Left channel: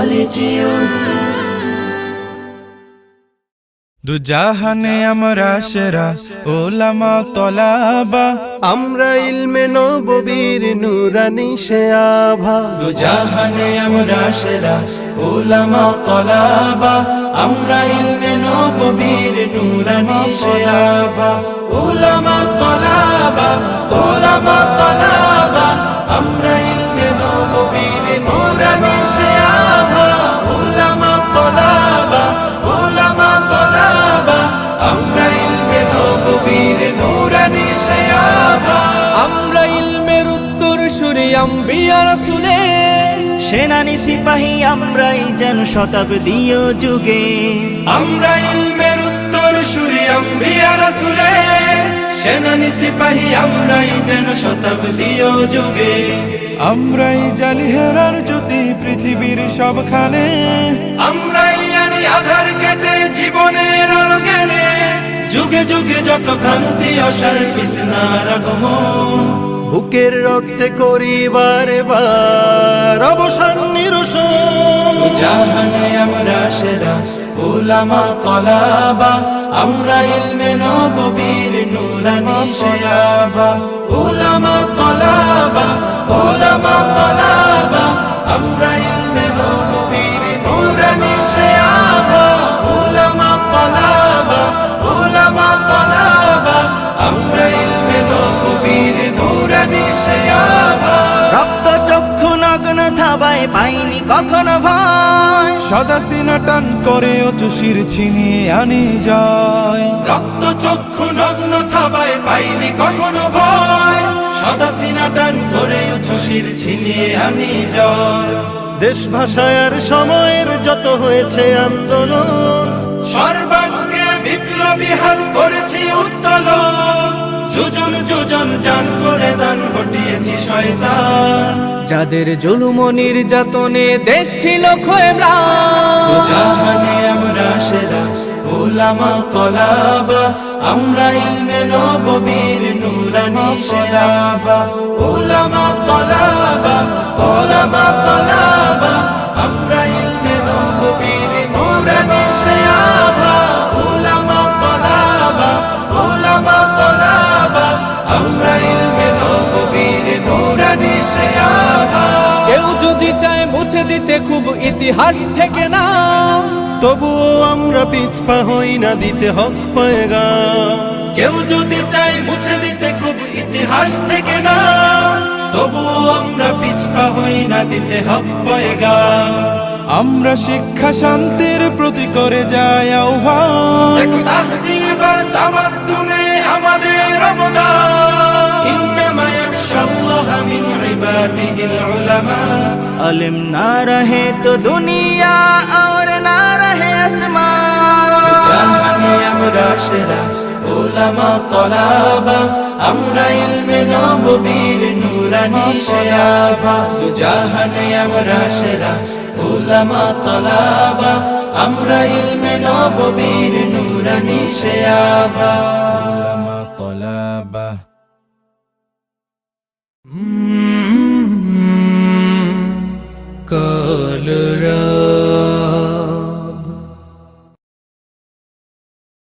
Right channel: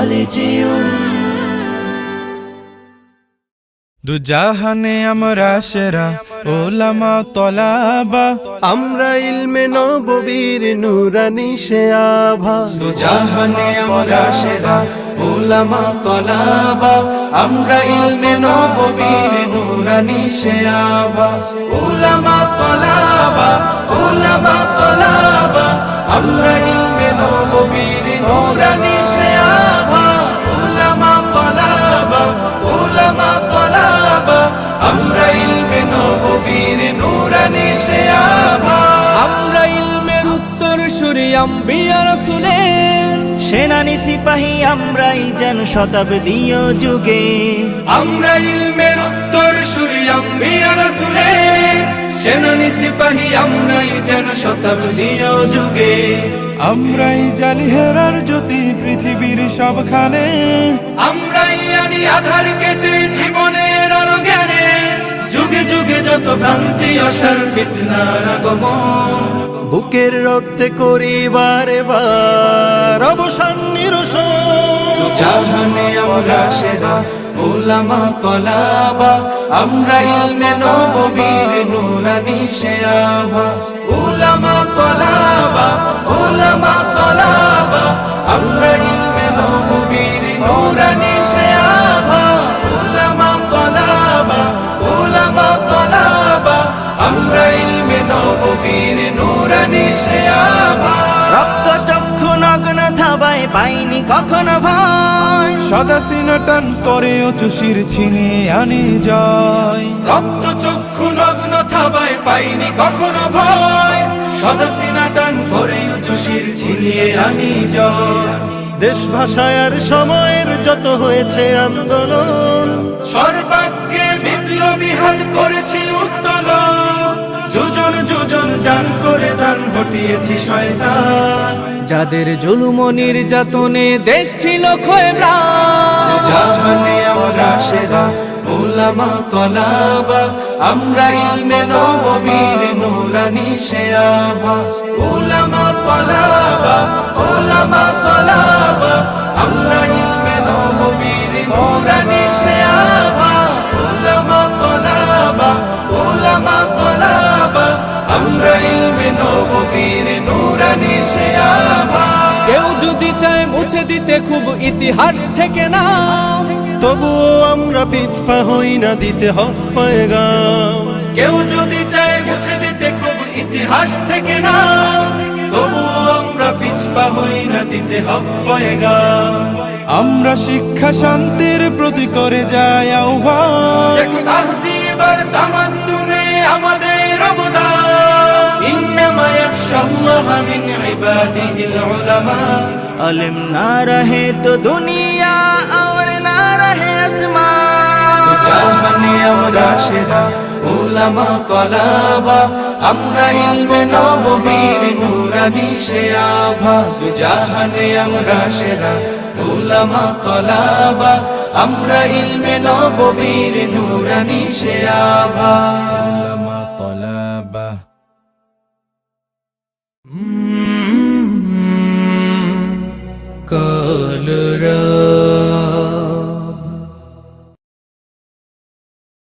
কলেজিয়ন। দুজাহানে আমরা সেরা উলামা তলাবা, আমরা ইলমে নববীর নুরানি সে আভা। দুজাহানে আমরা সেরা উলামা তলাবা, আমরা ইলমে নববীর নুরানি সে আভা। উলামা তলাবা, উলামা তলাবা, আমরা ইলমে নববীর নুরানি সে আভা। উলামা তলাবা, উলামা তলাবা, আমরা ইলমে নববীর নুরানি সে আভা। আমরা ইলমের উত্তর সুরি আম্বিয়া রাসূলের, সেনানি সিপাহী আমরাই যেন শতাব্দীয় যুগে। আমরা ইলমের উত্তর সুরি আম্বিয়া রাসূলের, সেনানি সিপাহী আমরাই যেন শতাব্দীয় যুগে। আমরাই জালি হেরার জ্যোতি পৃথিবীর সবখানে, আমরাই আনি আধার কেটে জীবনের আলো জ্ঞানে। যুগে যুগে যত ভ্রান্তি অসার ফিতনার আগমন, বুকের রক্তে করি বারে বার অবসান নিরসন। দুজাহানে আমরা সেরা উলামা তলাবা, আমরা ইলমে নববীর নুরানি সে আভা। উলামা তলাবা, উলামা তলাবা, আমরা ইলমে নববীর নুরানি সে আভা। উলামা তলাবা, উলামা তলাবা, আমরা ইলমে নববীর নুরানি সে আভা। রক্ত চক্ষু নগ্ন থাবায় পাইনি কখনো ভয়, সদা সিনা টান করে চুষির ছিনিয়ে আনি জয়। রক্ত চক্ষু নগ্ন থাবায় পাইনি কখনো ভয়, সদা সিনা টান করে চুষির ছিনিয়ে আনি জয়। দেশ ভাষার সময়ের যত হয়েছে আন্দোলন, সর্বাগ্যে বিপ্লবী হাত করেছি উত্তোলন। যোজন যোজন জান করে দান হটিয়েছি শয়তান, যাদের জুলুম ও নির্যাতনে দেশ ছিল ক্ষয়ে ম্লান। দুজাহানে আমরা সেরা উলামা তলাবা, আমরা ইলমে নববীর নুরানি সে আভা। উলামা তলাবা, উলামা তলাবা, আমরা ইলমে নববীর নুরানি সে আভা। উলামা তলাবা, উলামা তলাবা, আমরা ইলমে নববীর নুরানি সে আভা। কেউ যদি চায় মুছে দিতে খুব ইতিহাস থেকে নাম, তবুও আমরা পিছপা হই না দিতে হক পয়গাম। কেউ যদি চায় মুছে দিতে খুব ইতিহাস থেকে না, তবুও আমরা পিছপা হই না দিতে হক পয়গাম। আমরা শিক্ষা শান্তির প্রতি করে যাই আহ্বান, দেখো তাহজিব আর তামাদ্দুনে আমাদের অবদান। ইন্নামা ইয়াখশাল্লাহা মিন ইবাদিহিল উলামা, अलिम ना रहे तो दुनिया और ना रहे आसमान। দুজাহানে আমরা সেরা উলামা তলাবা, আমরা ইলমে নববীর নুরানি সে আভা। দুজাহানে আমরা সেরা উলামা তলাবা, আমরা ইলমে নববীর নুরানি সে আভা। উলামা তলাবা। कल